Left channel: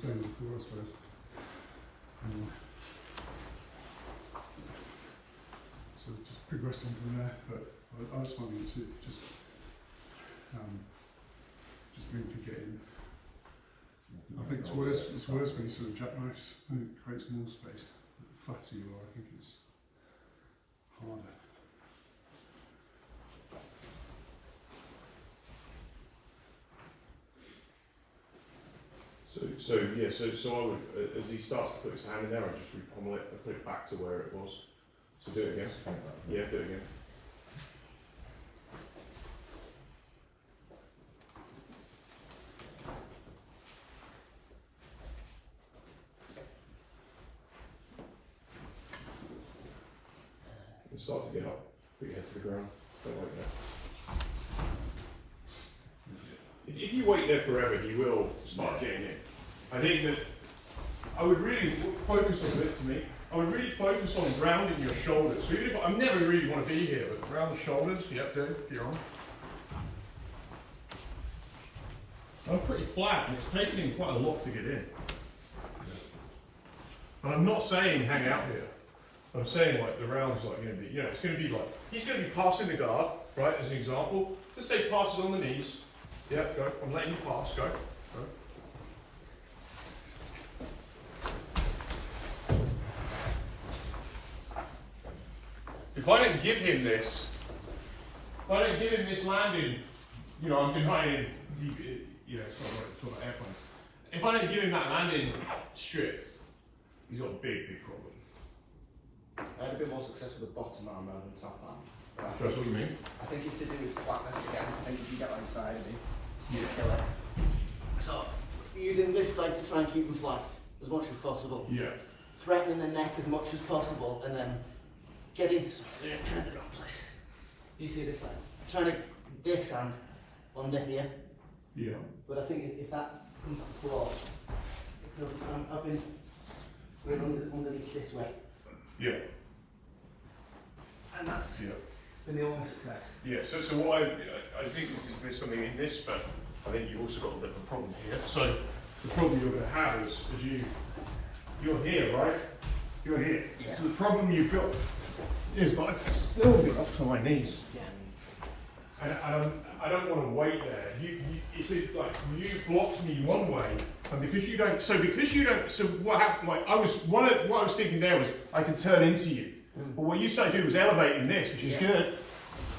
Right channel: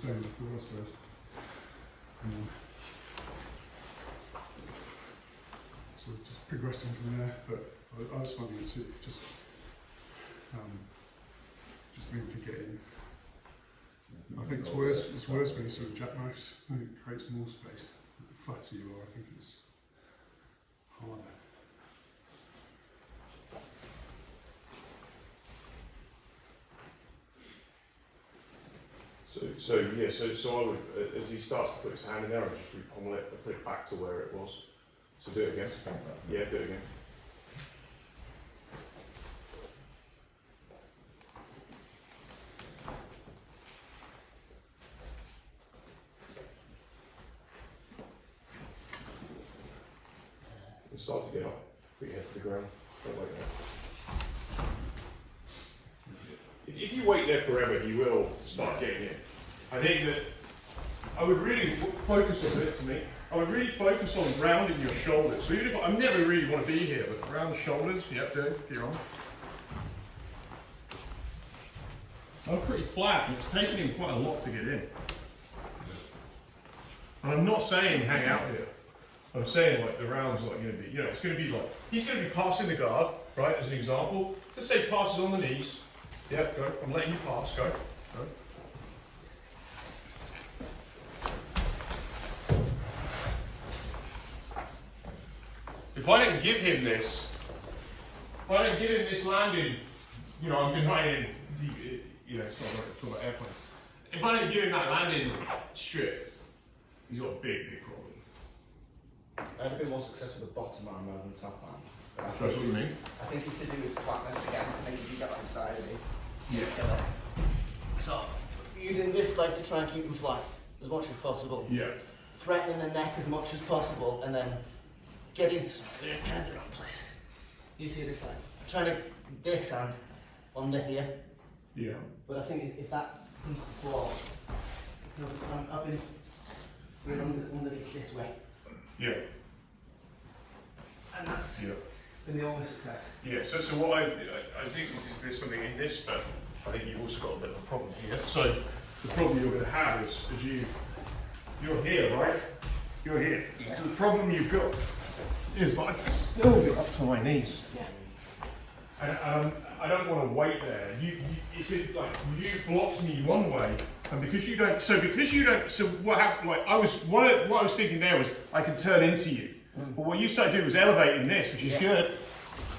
same before, I suppose. So just progressing from there, but I was finding it too, just being to get in. I think it's worse when you sort of jackknifes. I think it creates more space. The flatter you are, I think it's harder. So I would, as he starts to put his hand in there, I just repommel it and put it back to where it was. So do it again. Yeah, do it again. And start to get up, put your head to the ground, don't wait there. If you wait there forever, he will start getting in. I think that I would really focus on it to me. I would really focus on grounding your shoulders. So even if I never really want to be here, but around the shoulders, yep, do, you're on. I'm pretty flat, and it's taking him quite a lot to get in. And I'm not saying hang out here. I'm saying like the round's like going to be, you know, it's going to be like, he's going to be passing the guard, right, as an example. Let's say passes on the knees. Yep, go. I'm letting you pass, go. Go. If I don't give him this, landing, you know, I'm denying him, you know, it's not like I talk about airplanes. If I don't give him that landing strip, he's got a big problem. I had a bit more success with the bottom arm rather than top arm. That's what you mean? I think it's to do with flatness again. I think if you get on the side of me, Yeah. kill it. So, using this leg to try and keep him flat as much as possible. Yeah. Threatening the neck as much as possible, and then getting to kind of the wrong place. You see this leg? Trying to this hand under here. Yeah. But I think if that comes to floor, I've been going underneath this way. Yeah. And that's been the only success. Yeah, so what I think there's something in this, but I think you've also got a bit of a problem here. So the problem you're going to have is you're here, right? You're here. Yeah. So the problem you've got is I can still get up to my knees. Yeah. And I don't want to wait there. It's like you blocked me one way, and because you don't. So what happened? Like what I was thinking there was I can turn into you. But what you say do was elevating this, which is good.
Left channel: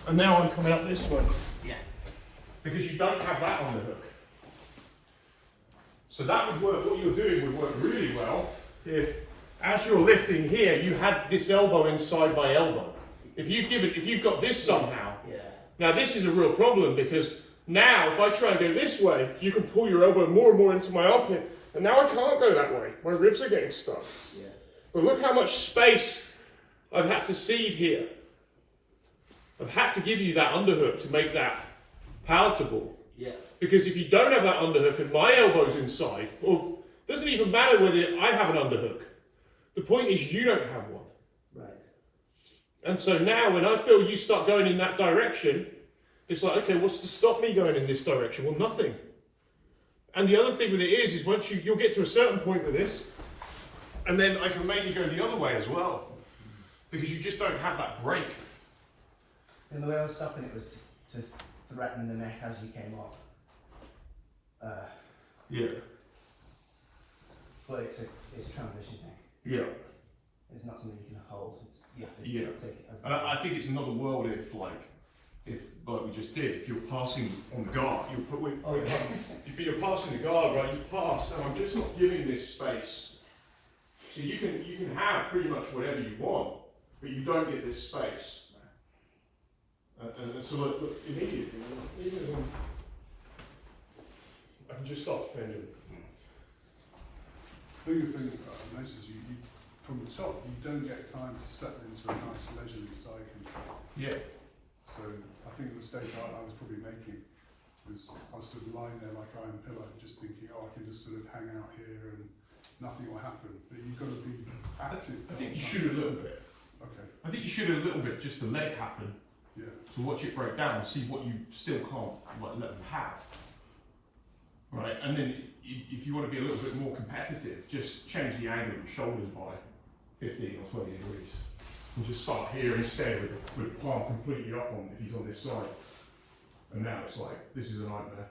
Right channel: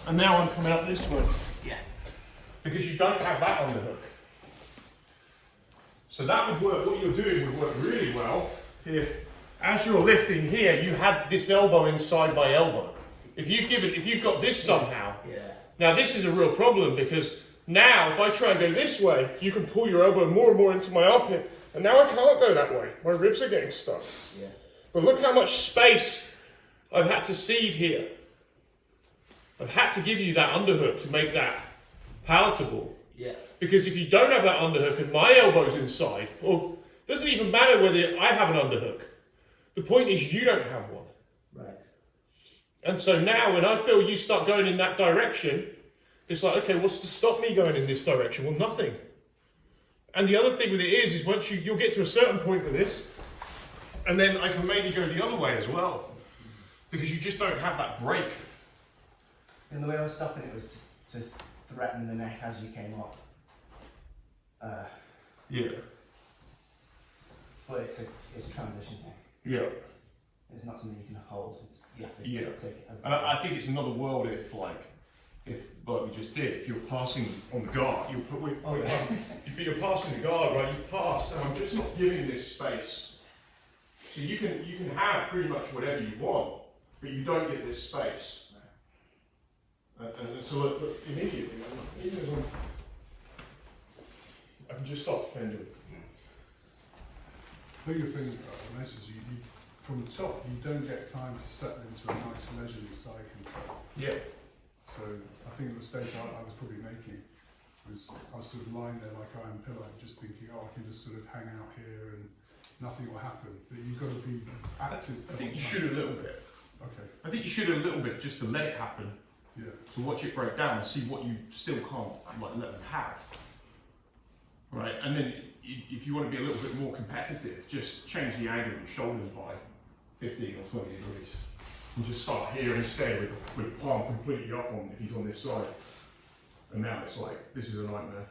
And now I'm coming up this way. Yeah. Because you don't have that on the hook. So that would work, what you're doing would work really well if, as you're lifting here, you had this elbow inside my elbow. If you've got this somehow, now this is a real problem because now if I try and go this way, you can pull your elbow more and more into my armpit. And now I can't go that way. My ribs are getting stuck. Yeah. But look how much space I've had to cede here. I've had to give you that underhook to make that palatable. Yeah. Because if you don't have that underhook and my elbow's inside, well, it doesn't even matter whether I have an underhook. The point is you don't have one. Right. And so now when I feel you start going in that direction, it's like, okay, what's to stop me going in this direction? Well, nothing. And the other thing with it is once you'll get to a certain point with this, and then I can maybe go the other way as well. Because you just don't have that break. And the way I was stopping it was to threaten the neck as you came up. Yeah. But it's a transition thing. Yeah. It's not something you can hold. You have to Yeah. take it as And I think it's another world if like we just did, if you're passing on the guard, you'll put if you're passing the guard, right, you pass, and I'm just not giving this space. So you can have pretty much whatever you want, but you don't get this space. And so look, immediately, I can just start to pendulum. The bigger thing about this is you, from the top, you don't get time to step into a nice leisurely side control. Yeah. So I think the mistake I was probably making was I was sort of lying there like iron pillow, just thinking, oh, I can just sort of hang out here and nothing will happen. But you've got to be active. I think you should a little bit. Okay. I think you should a little bit just to let it happen. Yeah. To watch it break down and see what you still can't like let them have. Right, and then if you want to be a little bit more competitive, just change the angle of your shoulders by 15 or 20 degrees. And just start here instead with the palm completely up on if he's on this side. And now it's like, this is a nightmare.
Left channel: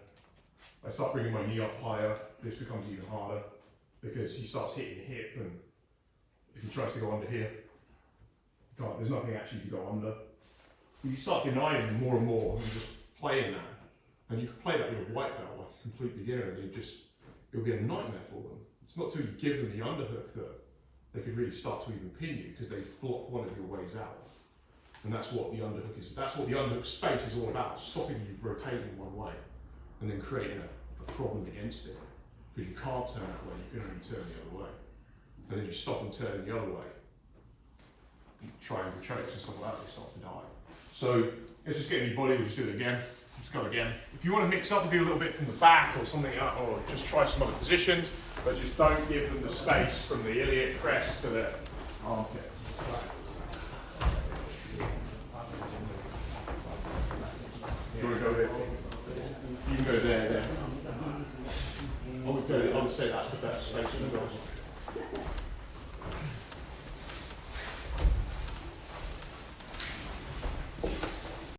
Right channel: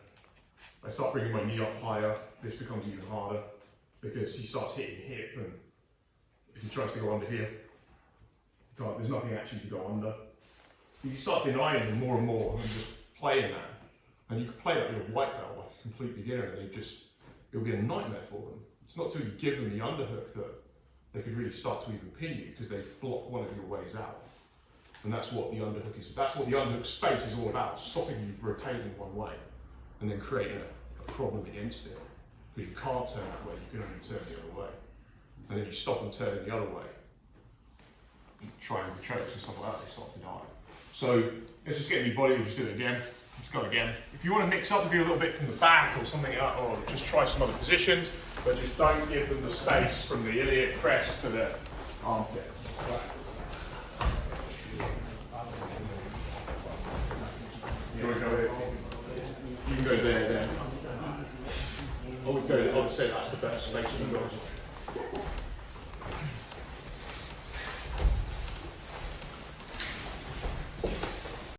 I start bringing my knee up higher, this becomes even harder because he starts hitting the hip, and if he tries to go under here, there's nothing actually to go under. You start denying them more and more and just playing that. And you can play that with a white belt like a complete beginner, and it'll be a nightmare for them. It's not till you give them the underhook that they could really start to even pin you, because they've blocked one of your ways out. And that's what the underhook is. That's what the underhook space is all about, stopping you rotating one way and then creating a problem against it. Because you can't turn that way, you can only turn the other way. And then you stop and turn the other way. Triangle chokes and stuff like that, they start to die. So let's just get in your body, we'll just do it again. Let's go again. If you want to mix up and do a little bit from the back or something, or just try some other positions, but just don't give them the space from the iliac crest to the armpit. You want to go here? You can go there. I would say that's the better space for you guys.